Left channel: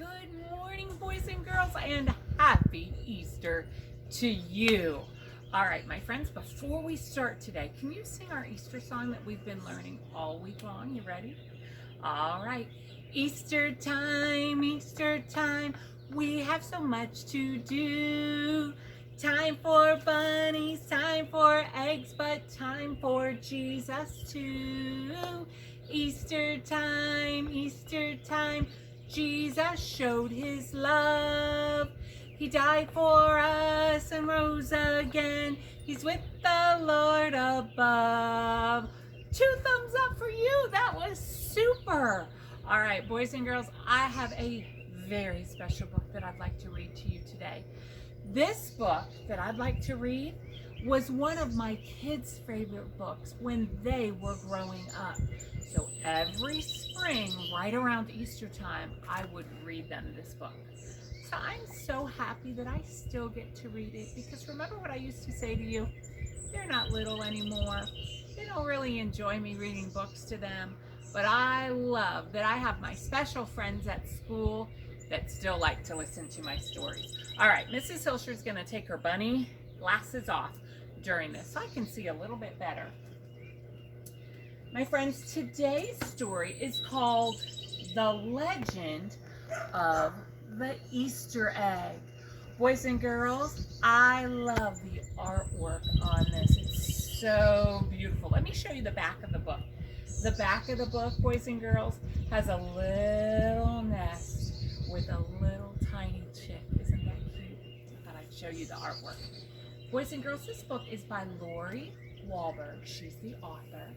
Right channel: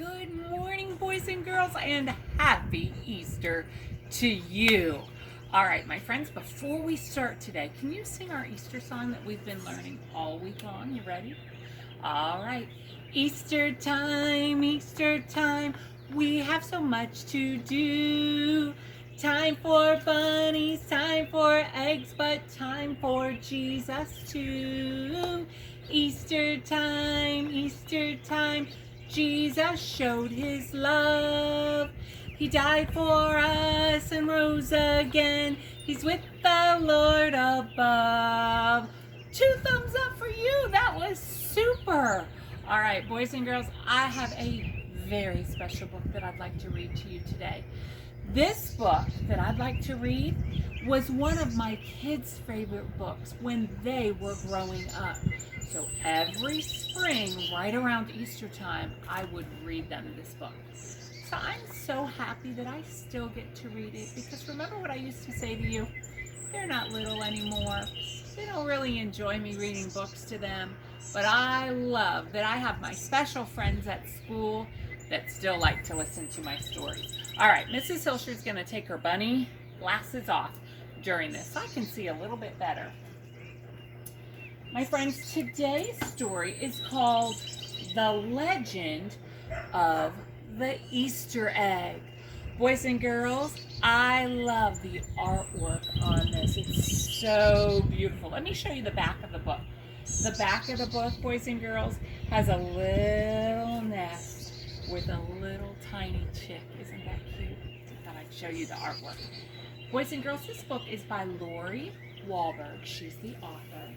Good morning, boys and girls, and happy Easter to you. All right, my friends, before we start today, can you sing our Easter song that we've been learning all week long? You ready? All right. Easter time, we have so much to do. Time for bunnies, time for eggs, but time for Jesus too. Easter time, Jesus showed his love. He died for us and rose again. He's with the Lord above. 2 thumbs up for you. That was super. All right, boys and girls, I have a very special book that I'd like to read to you today. This book that I'd like to read was one of my kids' favorite books when they were growing up. So every spring, right around Easter time, I would read them this book. So I'm so happy that I still get to read it, because remember what I used to say to you? They're not little anymore. They don't really enjoy me reading books to them, but I love that I have my special friends at school that still like to listen to my stories. All right, Mrs. Hilsher is going to take her bunny glasses off during this so I can see a little bit better. My friends, today's story is called The Legend of the Easter Egg. Boys and girls, I love the artwork on this. It's so beautiful. Let me show you the back of the book. The back of the book, boys and girls, has a little nest with a little tiny chick. Isn't that cute? I thought I'd show you the artwork. Boys and girls, this book is by Lori Wahlberg. She's the author.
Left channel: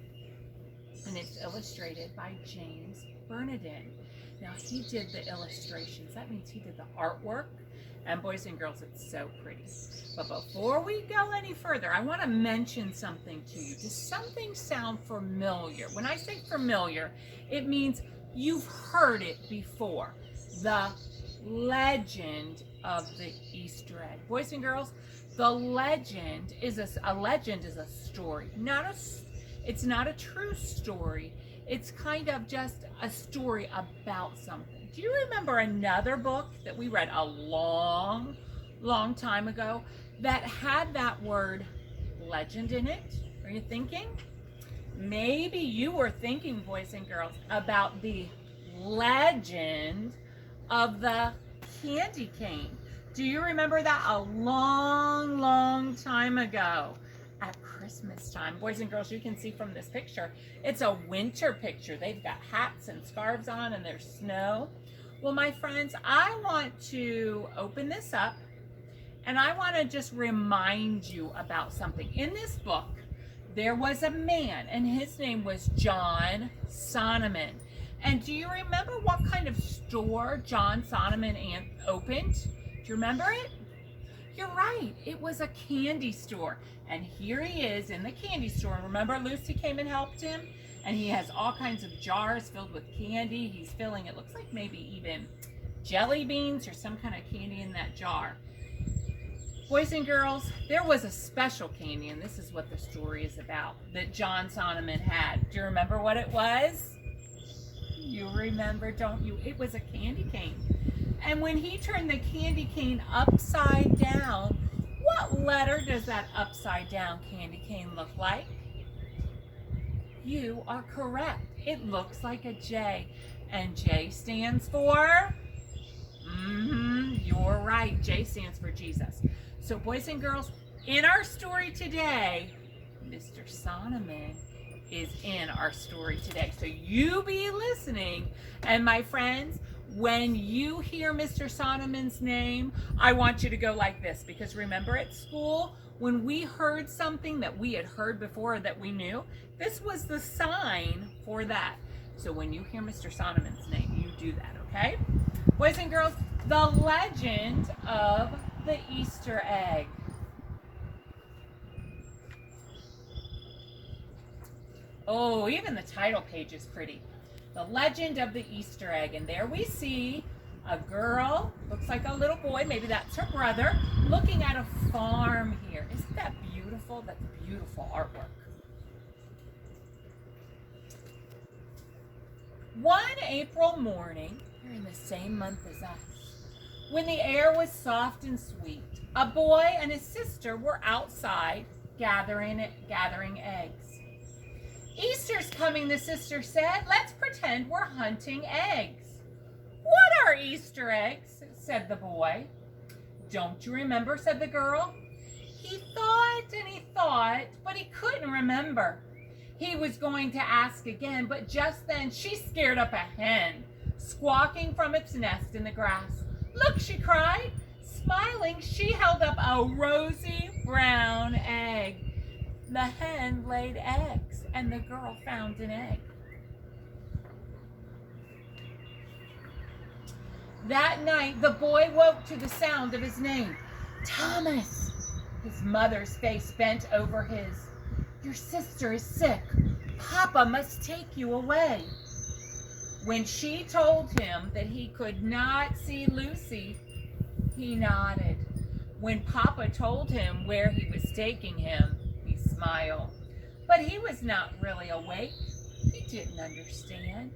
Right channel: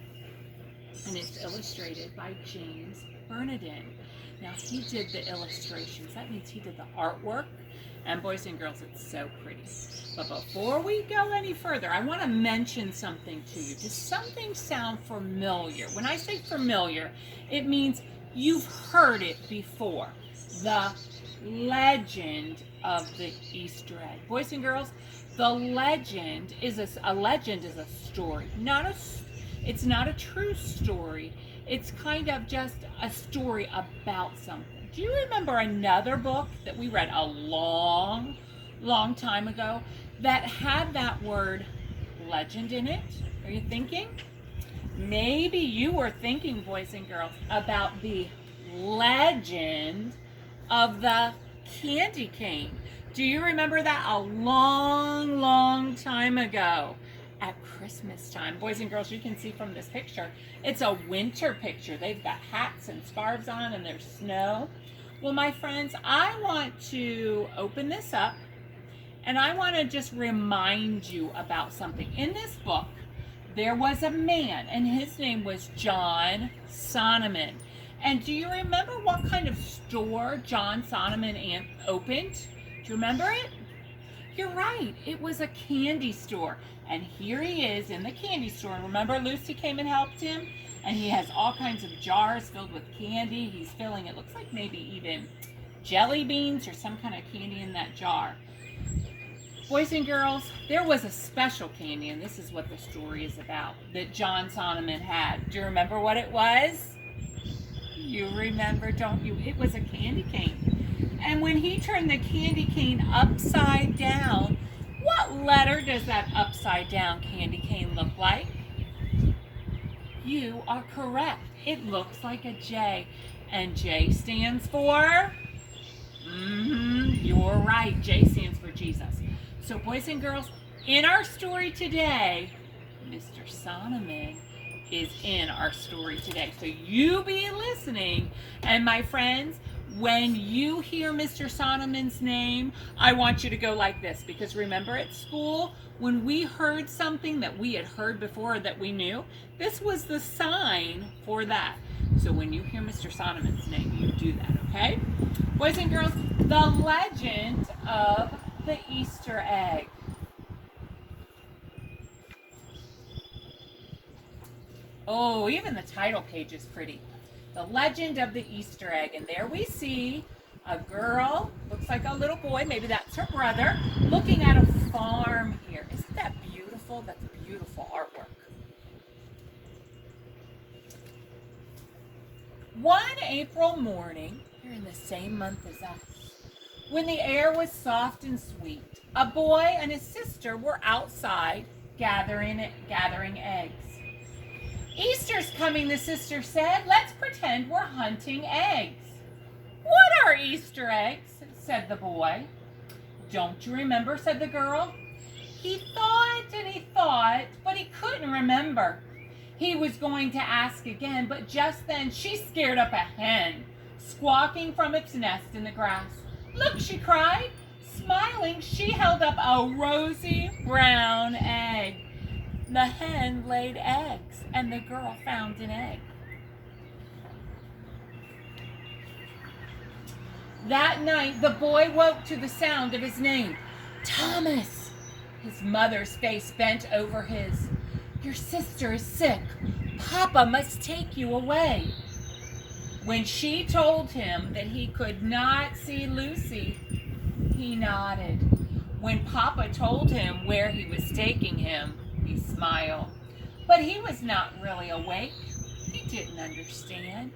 And it's illustrated by James Bernardin. Now, he did the illustrations. That means he did the artwork. And boys and girls, it's so pretty. But before we go any further, I want to mention something to you. Does something sound familiar? When I say familiar, it means you've heard it before. The legend of the Easter egg. Boys and girls, the legend is a story, it's not a true story. It's kind of just a story about something. Do you remember another book that we read a long time ago that had that word legend in it? Are you thinking? Maybe you were thinking, boys and girls, about the legend of the candy cane. Do you remember that a long time ago? At Christmas time, boys and girls, you can see from this picture, it's a winter picture. They've got hats and scarves on and there's snow. Well, my friends, I want to open this up and I want to just remind you about something. In this book, there was a man and his name was John Sonneman. And do you remember what kind of store John Sonneman opened? Do you remember it? You're right, it was a candy store. And here he is in the candy store. Remember Lucy came and helped him? And he has all kinds of jars filled with candy. He's filling, it looks like maybe even jelly beans or some kind of candy in that jar. Boys and girls, there was a special candy, and this is what the story is about, that John Sonneman had. Do you remember what it was? You remember, don't you? It was a candy cane. And when he turned the candy cane upside down, what letter does that upside down candy cane look like? You are correct. It looks like a J. And J stands for? You're right. J stands for Jesus. So boys and girls, in our story today, Mr. Sonneman is in our story today. So you be listening. And my friends, when you hear Mr. Sonneman's name, I want you to go like this, because remember at school, when we heard something that we had heard before that we knew, this was the sign for that. So when you hear Mr. Sonneman's name, you do that, okay? Boys and girls, the legend of the Easter egg. Oh, even the title page is pretty. The Legend of the Easter Egg. And there we see a girl, looks like a little boy, maybe that's her brother, looking at a farm here. Isn't that beautiful? That's beautiful artwork. One April morning, You're in the same month as us. When the air was soft and sweet, a boy and his sister were outside gathering eggs. Easter's coming, the sister said. Let's pretend we're hunting eggs. What are Easter eggs? Said the boy. Don't you remember? Said the girl. He thought and he thought, but he couldn't remember. He was going to ask again, but just then she scared up a hen, squawking from its nest in the grass. Look, she cried. Smiling, she held up a rosy brown egg. The hen laid eggs, and the girl found an egg. That night, the boy woke to the sound of his name. Thomas! His mother's face bent over his. Your sister is sick. Papa must take you away. When she told him that he could not see Lucy, he nodded. When Papa told him where he was taking him, he smiled. But he was not really awake. He didn't understand.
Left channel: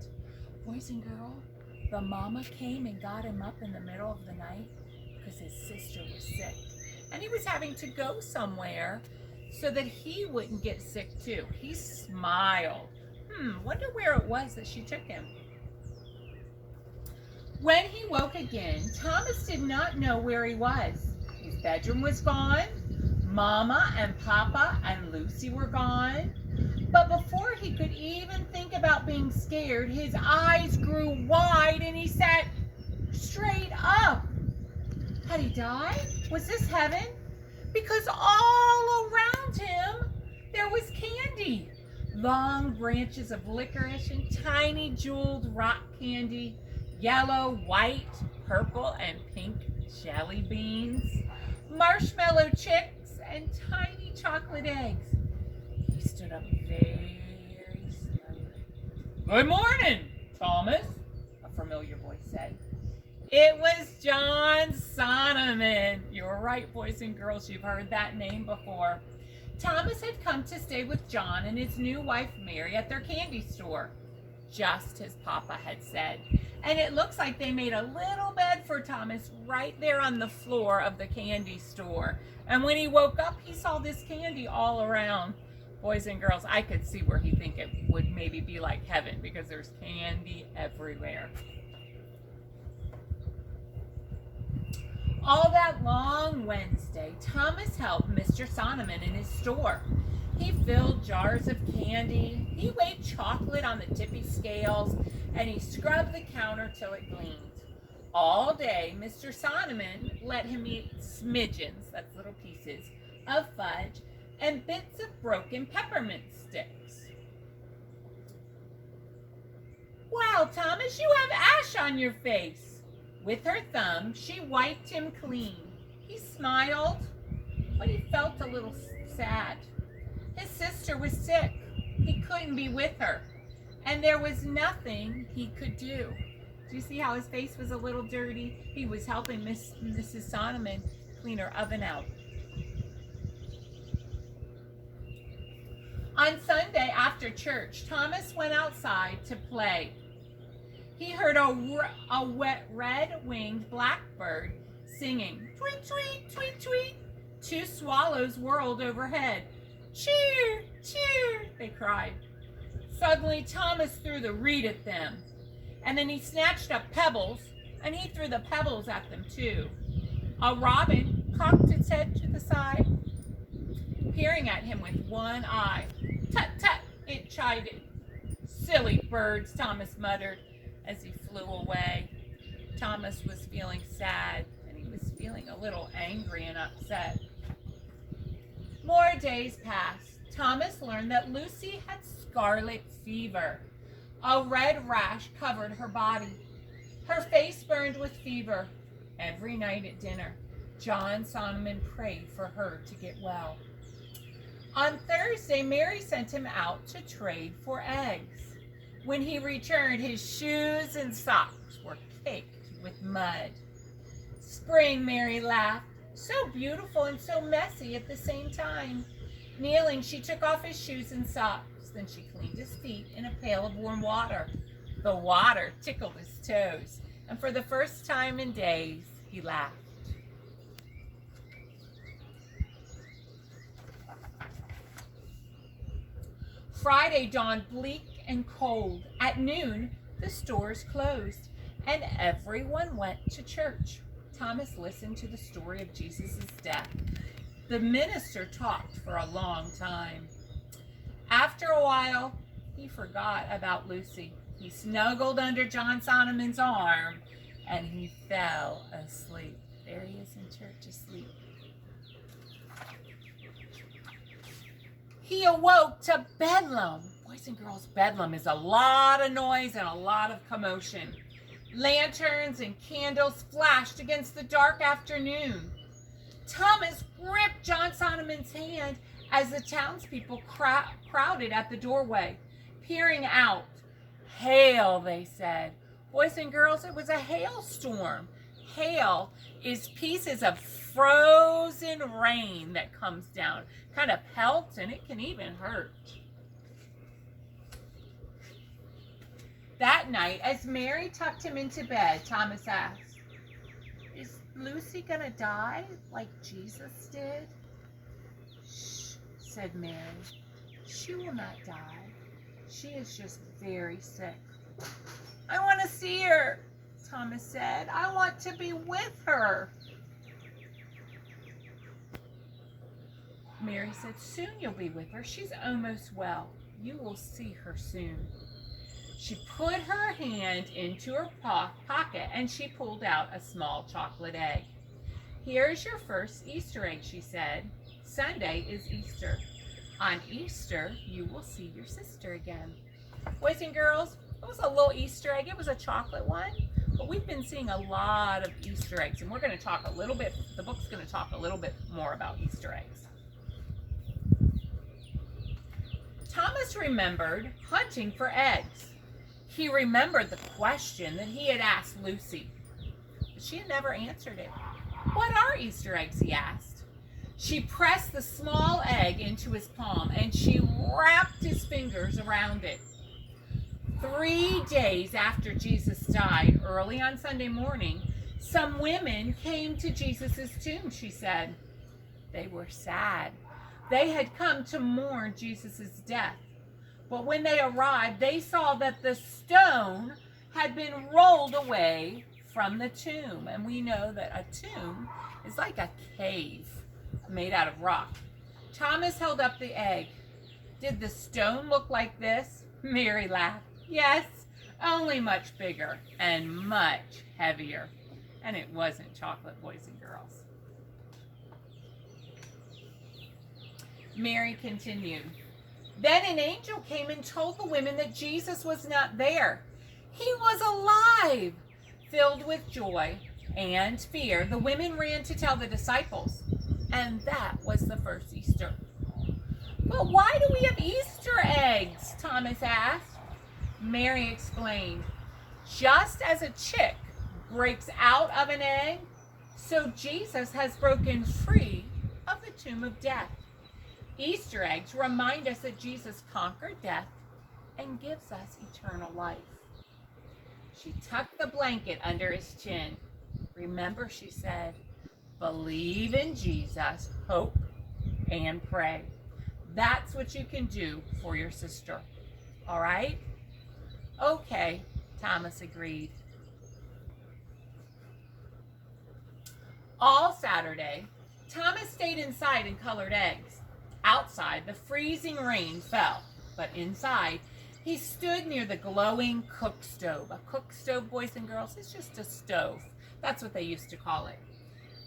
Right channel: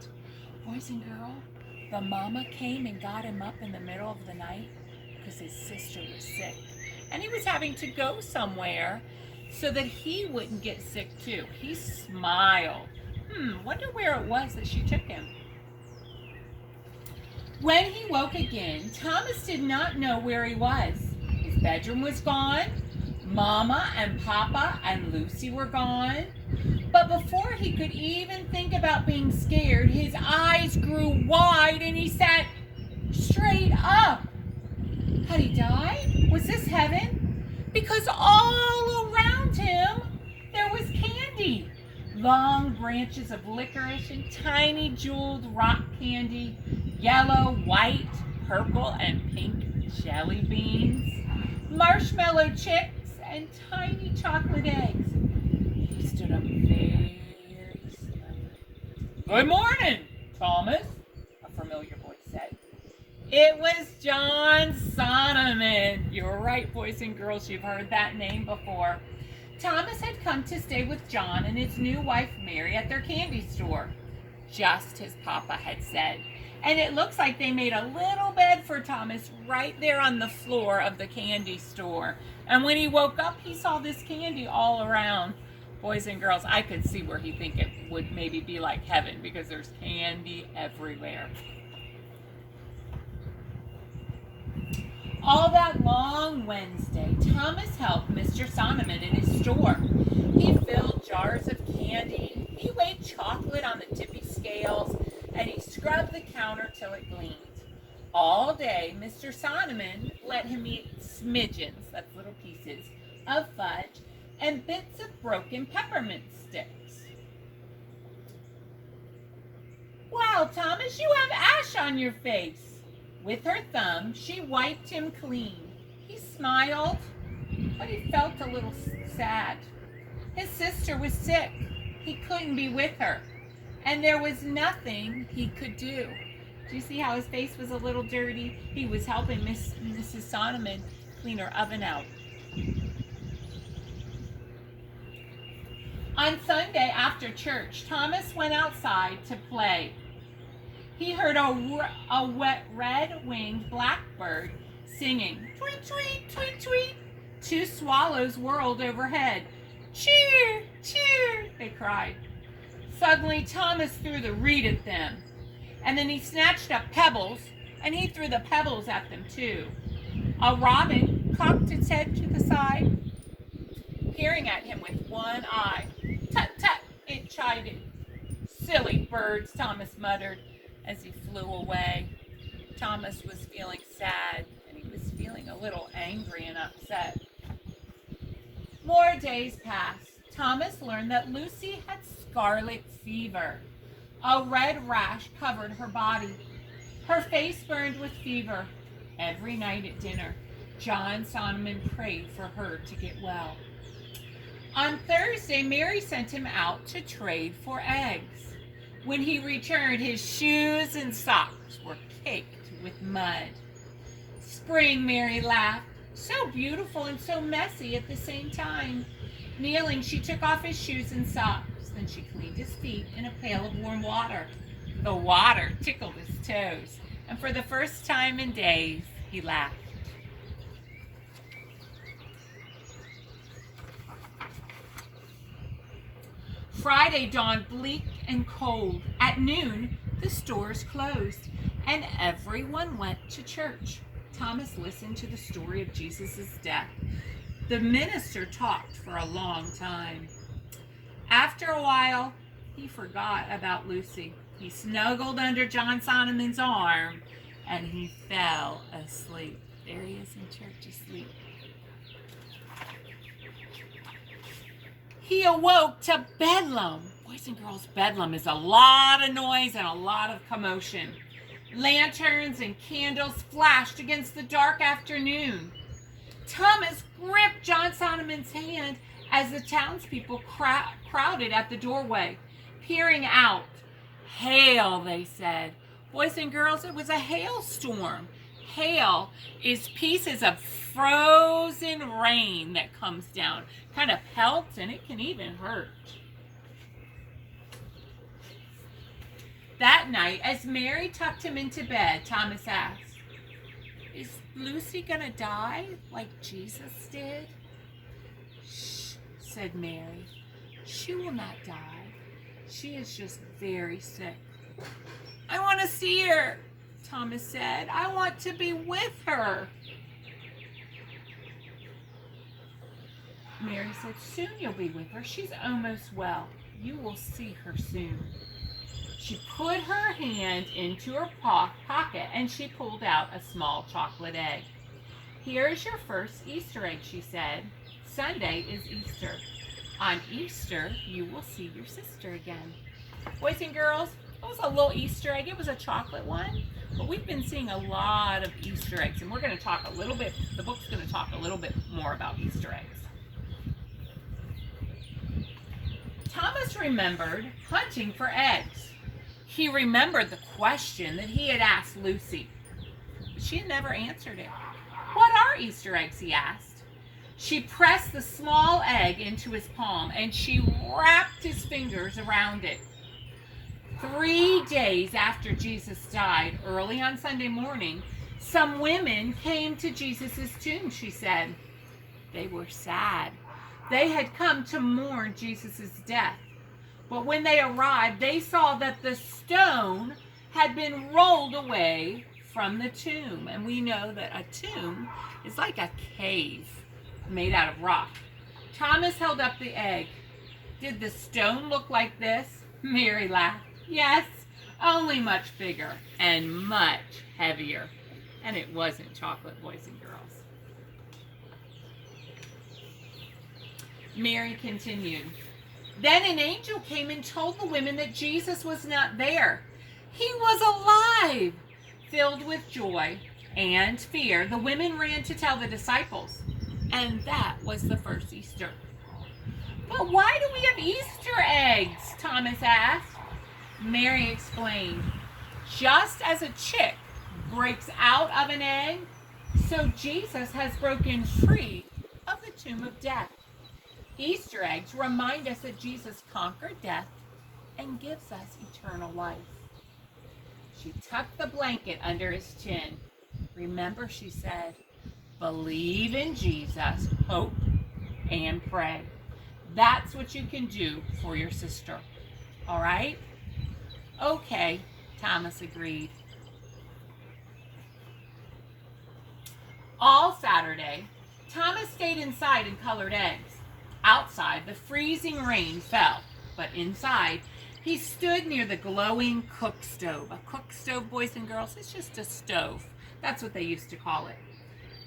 Boys and girls, the mama came and got him up in the middle of the night because his sister was sick. And he was having to go somewhere so that he wouldn't get sick too. He smiled. Wonder where it was that she took him. When he woke again, Thomas did not know where he was. His bedroom was gone. Mama and Papa and Lucy were gone. But before he could even think about being scared, his eyes grew wide and he sat straight up. Had he died? Was this heaven? Because all around him there was candy. Long branches of licorice and tiny jeweled rock candy, yellow, white, purple, and pink jelly beans, marshmallow chicks, and tiny chocolate eggs. He stood up very slowly. Good morning, Thomas, a familiar voice said. It was John Sonneman. You're right, boys and girls, you've heard that name before. Thomas had come to stay with John and his new wife Mary at their candy store, just as Papa had said. And it looks like they made a little bed for Thomas right there on the floor of the candy store. And when he woke up, he saw this candy all around. Boys and girls, I could see where he'd think it would maybe be like heaven because there's candy everywhere. All that long Wednesday, Thomas helped Mr. Sonneman in his store. He filled jars of candy, he weighed chocolate on the tippy scales, and he scrubbed the counter till it gleamed. All day, Mr. Sonneman let him eat smidgens, that's little pieces, of fudge and bits of broken peppermint sticks. Well, Thomas, you have ash on your face. With her thumb, she wiped him clean. He smiled, but he felt a little sad. His sister was sick. He couldn't be with her, and there was nothing he could do. Do you see how his face was a little dirty? He was helping Mrs. Sonneman clean her oven out. On Sunday after church, Thomas went outside to play. He heard a wet red-winged blackbird singing, tweet, tweet, tweet, tweet. Two swallows whirled overhead. Cheer, cheer, they cried. Suddenly, Thomas threw the reed at them. And then he snatched up pebbles, and he threw the pebbles at them too. A robin cocked its head to the side, peering at him with one eye. Tut, tut, it chided. Silly birds, Thomas muttered as he flew away. Thomas was feeling sad, and he was feeling a little angry and upset. More days passed. Thomas learned that Lucy had scarlet fever. A red rash covered her body. Her face burned with fever. Every night at dinner, John Sonneman prayed for her to get well. On Thursday, Mary sent him out to trade for eggs. When he returned, his shoes and socks were caked with mud. Spring, Mary laughed. So beautiful and so messy at the same time. Kneeling, she took off his shoes and socks. Then she cleaned his feet in a pail of warm water. The water tickled his toes. And for the first time in days, he laughed. Friday dawned bleak and cold. At noon, the stores closed, and everyone went to church. Thomas listened to the story of Jesus' death. The minister talked for a long time. After a while, he forgot about Lucy. He snuggled under John Solomon's arm, and he fell asleep. There he is in church asleep. He awoke to bedlam. Boys and girls, bedlam is a lot of noise and a lot of commotion. Lanterns and candles flashed against the dark afternoon. Thomas gripped John Solomon's hand as the townspeople crowded at the doorway, peering out. Hail, they said. Boys and girls, it was a hailstorm. Hail is pieces of frozen rain that comes down. Kind of pelts, and it can even hurt. That night, as Mary tucked him into bed, Thomas asked, "Is Lucy gonna die like Jesus did?" "Shh," said Mary. "She will not die. She is just very sick." "I want to see her," Thomas said. "I want to be with her." Mary said, "Soon you'll be with her. She's almost well. You will see her soon." She put her hand into her pocket and she pulled out a small chocolate egg. "Here's your first Easter egg," she said. "Sunday is Easter. On Easter, you will see your sister again." Boys and girls, it was a little Easter egg. It was a chocolate one, but we've been seeing a lot of Easter eggs, and we're going to talk a little bit, the book's going to talk a little bit more about Easter eggs. Thomas remembered hunting for eggs. He remembered the question that he had asked Lucy, but she had never answered it. "What are Easter eggs?" he asked. She pressed the small egg into his palm and she wrapped his fingers around it. 3 days after Jesus died, early on Sunday morning, some women came to Jesus' tomb, she said. They were sad. They had come to mourn Jesus' death. But when they arrived, they saw that the stone had been rolled away from the tomb. And we know that a tomb is like a cave made out of rock. Thomas held up the egg. "Did the stone look like this?" Mary laughed. "Yes, only much bigger and much heavier." And it wasn't chocolate, boys and girls. Mary continued. "Then an angel came and told the women that Jesus was not there. He was alive." Filled with joy and fear, the women ran to tell the disciples. And that was the first Easter. "But why do we have Easter eggs?" Thomas asked. Mary explained, "Just as a chick breaks out of an egg, so Jesus has broken free of the tomb of death. Easter eggs remind us that Jesus conquered death and gives us eternal life." She tucked the blanket under his chin. "Remember," she said, "believe in Jesus, hope, and pray. That's what you can do for your sister. All right?" "Okay," Thomas agreed. All Saturday, Thomas stayed inside and colored eggs. Outside, the freezing rain fell, but inside, he stood near the glowing cook stove. A cook stove, boys and girls, it's just a stove. That's what they used to call it.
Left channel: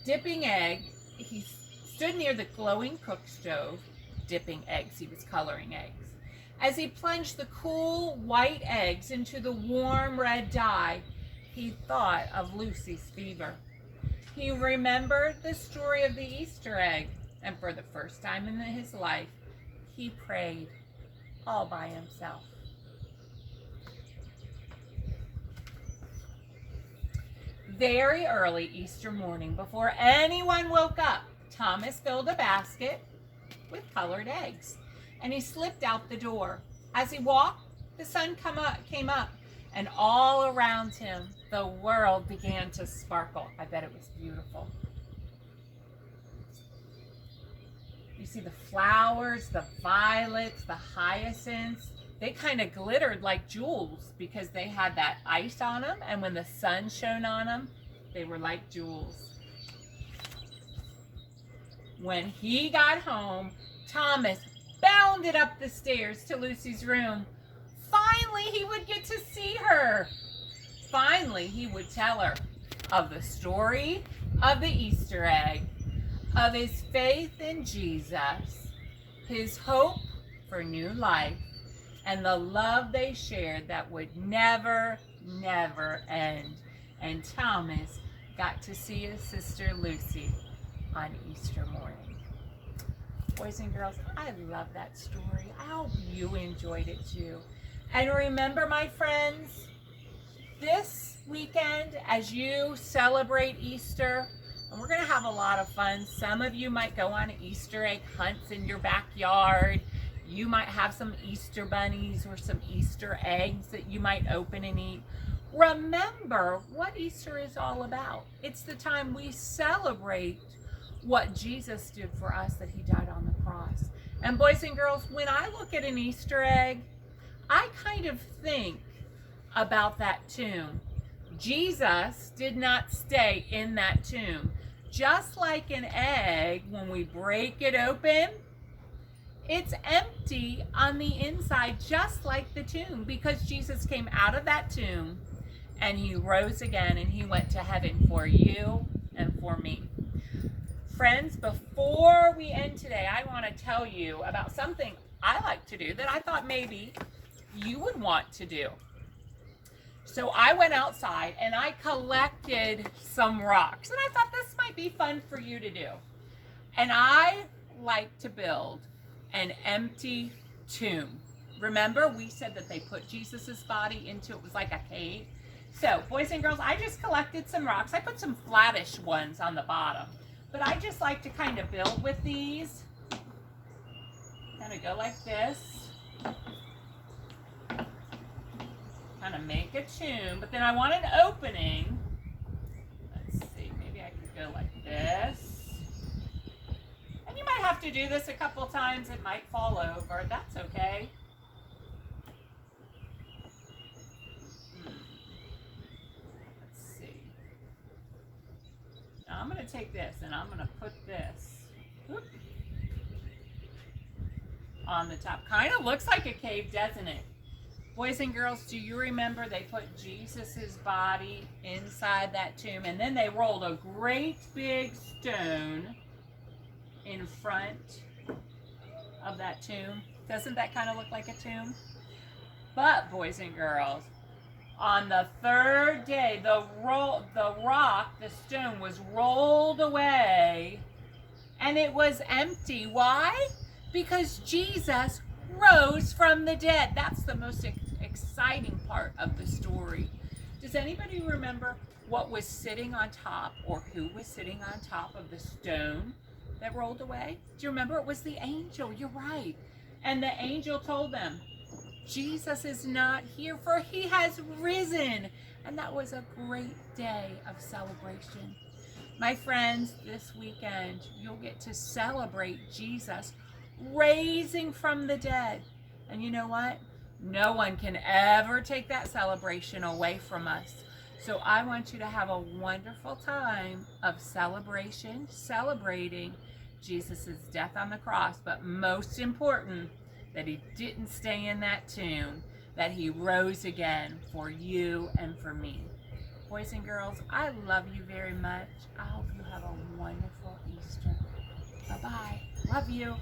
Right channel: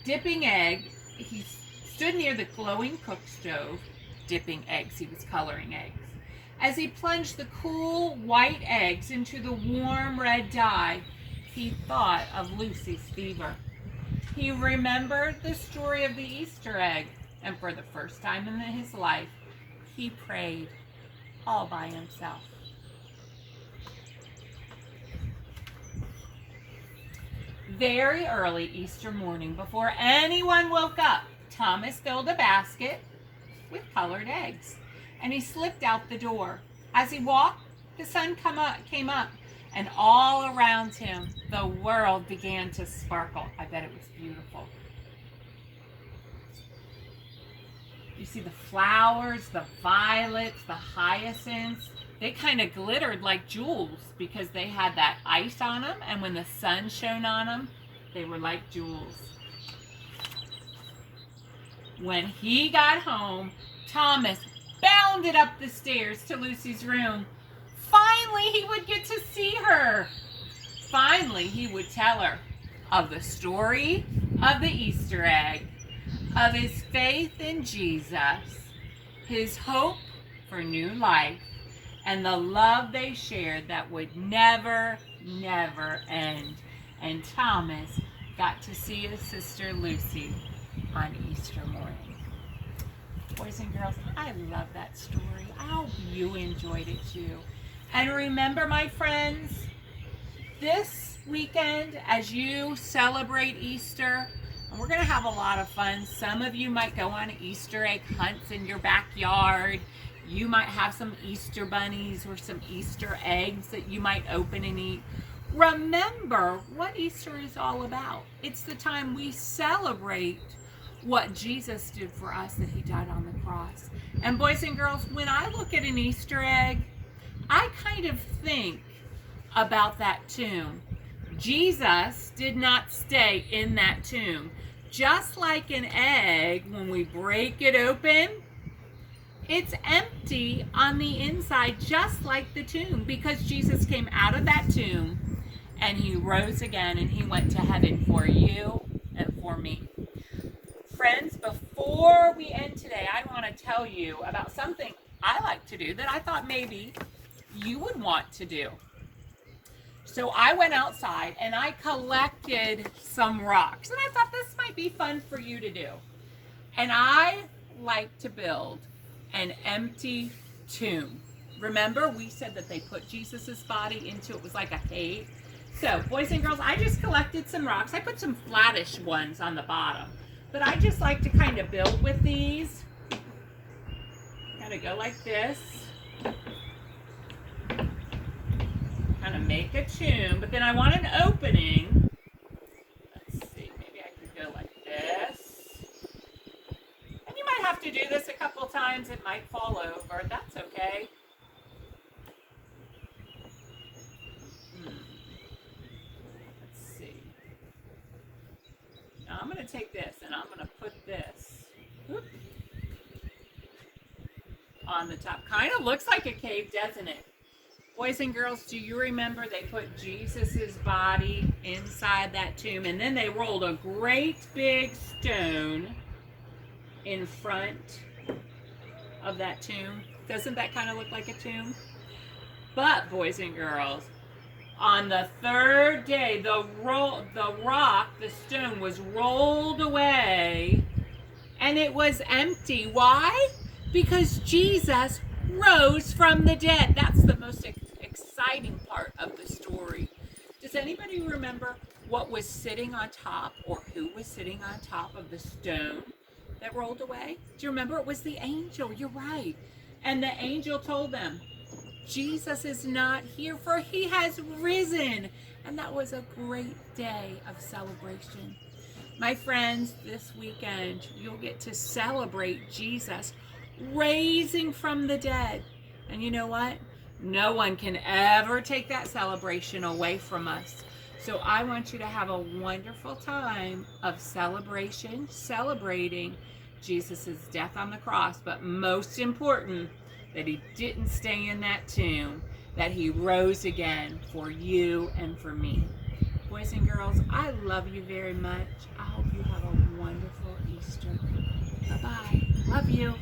He stood near the glowing cook stove, dipping eggs. He was coloring eggs. As he plunged the cool white eggs into the warm red dye, he thought of Lucy's fever. He remembered the story of the Easter egg, and for the first time in his life, he prayed all by himself. Very early Easter morning, before anyone woke up, Thomas filled a basket with colored eggs, and he slipped out the door. As he walked, the sun came up, And all around him, the world began to sparkle. I bet it was beautiful. You see the flowers, the violets, the hyacinths. They kind of glittered like jewels because they had that ice on them. And when the sun shone on them, they were like jewels. When he got home, Thomas bounded up the stairs to Lucy's room. Finally, he would get to see her. Finally, he would tell her of the story of the Easter egg, of his faith in Jesus, his hope for new life, and the love they shared that would never, never end. And Thomas got to see his sister Lucy on Easter morning. Boys and girls, I love that story. I hope you enjoyed it too. And remember, my friends, this weekend as you celebrate Easter, and we're going to have a lot of fun. Some of you might go on Easter egg hunts in your backyard. You might have some Easter bunnies or some Easter eggs that you might open and eat. Remember what Easter is all about. It's the time we celebrate what Jesus did for us, that he died on the cross. And boys and girls, when I look at an Easter egg, I kind of think about that tomb. Jesus did not stay in that tomb. Just like an egg, when we break it open, it's empty on the inside, just like the tomb, because Jesus came out of that tomb and he rose again and he went to heaven for you and for me. Friends, before we end today, I want to tell you about something I like to do that I thought maybe you would want to do. So I went outside and I collected some rocks, and I thought this might be fun for you to do. And I like to build an empty tomb. Remember, we said that they put Jesus's body into it was like a cave. So, boys and girls, I just collected some rocks. I put some flattish ones on the bottom. But I just like to kind of build with these. Kind of go like this. Kind of make a tomb. But then I want an opening. Let's see, maybe I could go like this. And you might have to do this a couple times. It might fall over. That's okay. Let's see. Now I'm going to take this and I'm going to put this on the top. Kind of looks like a cave, doesn't it? Boys and girls, do you remember they put Jesus's body inside that tomb, and then they rolled a great big stone in front of that tomb? Doesn't that kind of look like a tomb? But, boys and girls, on the third day, the stone was rolled away, and it was empty. Why? Because Jesus rose from the dead. That's the most exciting part of the story. Does anybody remember what was sitting on top, or who was sitting on top of the stone that rolled away? Do you remember? It was the angel. You're right. And the angel told them, Jesus is not here, for he has risen. And that was a great day of celebration. My friends, this weekend, you'll get to celebrate Jesus raising from the dead. And you know what? No one can ever take that celebration away from us. So I want you to have a wonderful time of celebration, celebrating Jesus' death on the cross, but most important, that he didn't stay in that tomb, that he rose again for you and for me. Boys and girls, I love you very much. I hope you have a wonderful Easter. Bye-bye. Love you.